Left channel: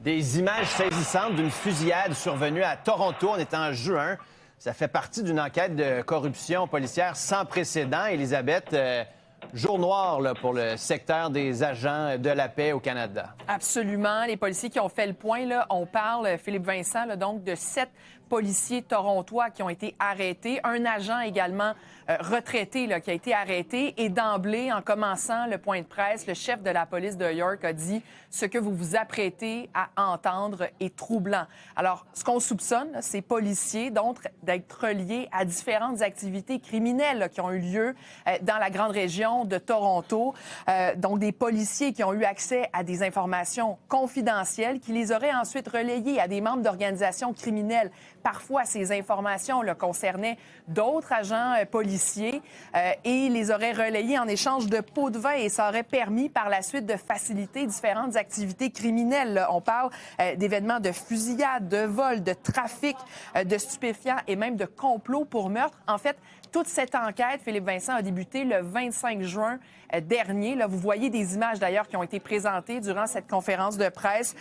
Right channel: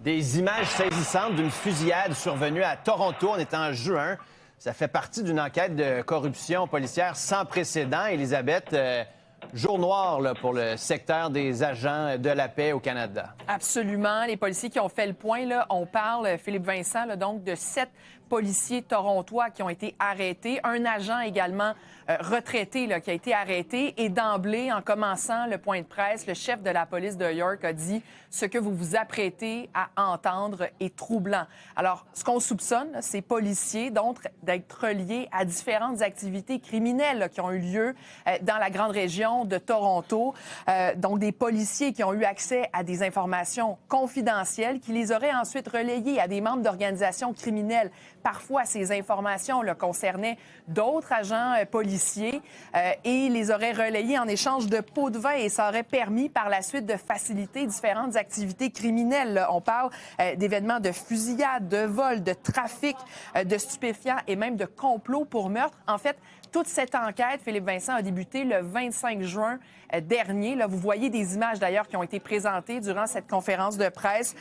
Des images saisissantes d'une fusillade survenue à Toronto. On est en juin. Ça fait partie d'une enquête de corruption policière sans précédent. Élisabeth, jour noir là, pour le secteur des agents de la paix au Canada. Absolument. Les policiers qui ont fait le point, là, on parle, Philippe Vincent, là, donc de 7 policiers torontois qui ont été arrêtés. Un agent également retraité là, qui a été arrêté. Et d'emblée, en commençant le point de presse, le chef de la police de York a dit « Ce que vous vous apprêtez à entendre est troublant ». Alors, ce qu'on soupçonne, là, ces policiers d'être reliés à différentes activités criminelles là, qui ont eu lieu dans la grande région de Toronto. Donc, des policiers qui ont eu accès à des informations confidentielles qui les auraient ensuite relayées à des membres d'organisations criminelles. Parfois, ces informations là, concernaient d'autres agents policiers et les auraient relayées en échange de pots de vin et ça aurait permis par la suite de faciliter différentes activités criminelles. Là. On parle d'événements de fusillade, de vol, de trafic de stupéfiants et même de complot pour meurtre. En fait, toute cette enquête, Philippe Vincent, a débuté le 25 juin dernier. Là, vous voyez des images d'ailleurs qui ont été présentées durant cette conférence de presse.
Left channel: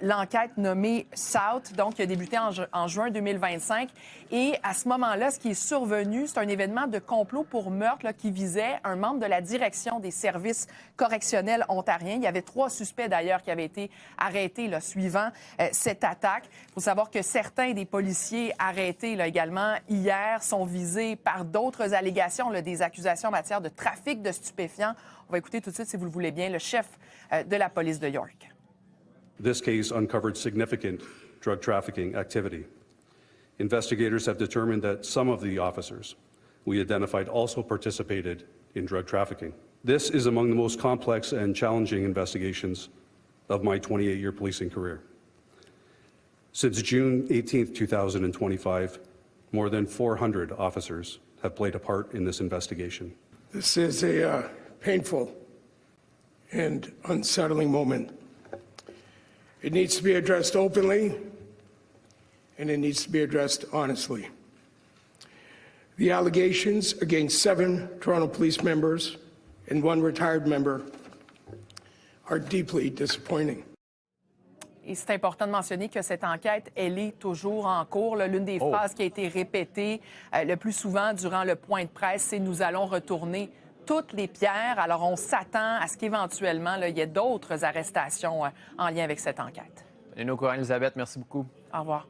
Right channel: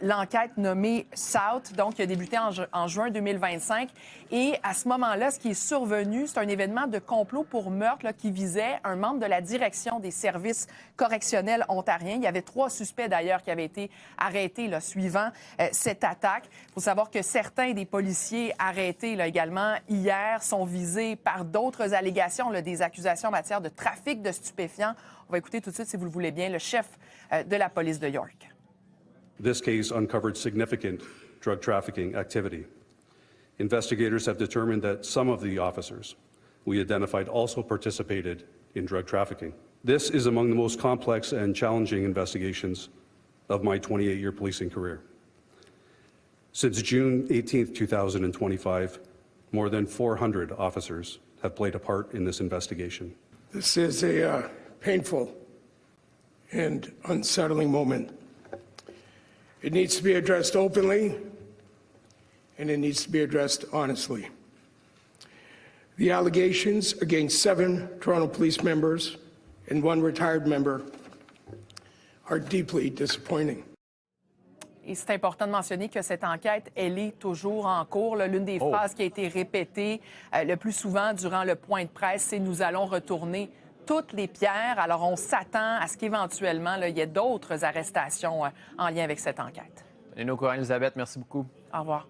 L'enquête nommée South, donc qui a débuté en juin 2025. Et à ce moment-là, ce qui est survenu, c'est un événement de complot pour meurtre là, qui visait un membre de la direction des services correctionnels ontariens. Il y avait 3 suspects d'ailleurs qui avaient été arrêtés là, suivant cette attaque. Il faut savoir que certains des policiers arrêtés là, également hier sont visés par d'autres allégations, là, des accusations en matière de trafic de stupéfiants. On va écouter tout de suite, si vous le voulez bien, le chef de la police de York. This case uncovered significant drug trafficking activity. Investigators have determined that some of the officers we identified also participated in drug trafficking. This is among the most complex and challenging investigations of my 28-year policing career. Since June 18, 2025, more than 400 officers have played a part in this investigation. This is a painful and unsettling moment. It needs to be addressed openly, and it needs to be addressed honestly. The allegations against 7 Toronto police members and 1 retired member are deeply disappointing. Et c'est important de mentionner que cette enquête, elle est toujours en cours. L'une des phrases qui a été répétée le plus souvent durant le point de presse, c'est « Nous allons retourner toutes les pierres ». Alors, on s'attend à ce qu'éventuellement, il y ait d'autres arrestations en lien avec cette enquête. Et nos courants, Elisabeth, merci beaucoup. Au revoir.